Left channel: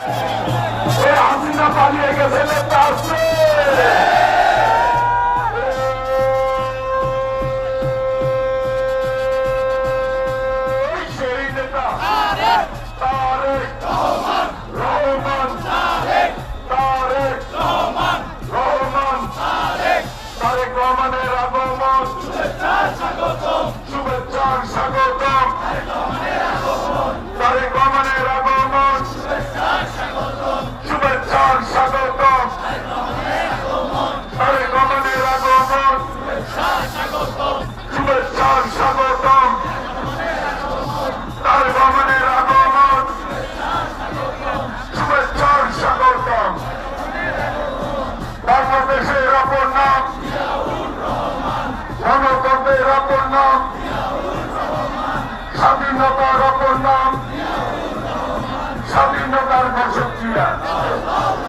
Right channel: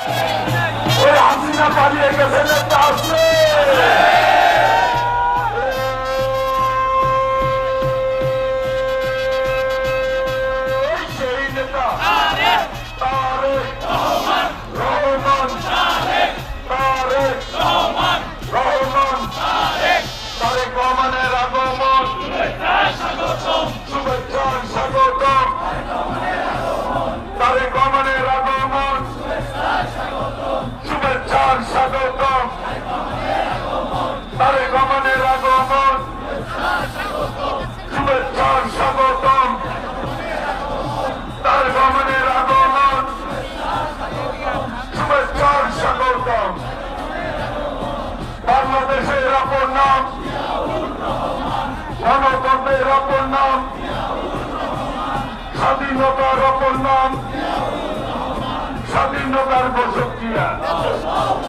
হাসিনা পালিয়ে গেছে নেতা আসলে সেই নেতা তারেক রহমান তারেক রহমানের আগমন শুভেচ্ছার স্বাগতম তারেক রহমানের আগমন শুভেচ্ছার স্বাগতম তারেক রহমানের আগমন শুভেচ্ছার স্বাগতম তারেক রহমানের আগমন শুভেচ্ছার স্বাগতম বাংলাদেশের অপর নাম গণতন্ত্রের অপর নাম স্বাধীনতার অপর নাম স্বাধীনতার বসত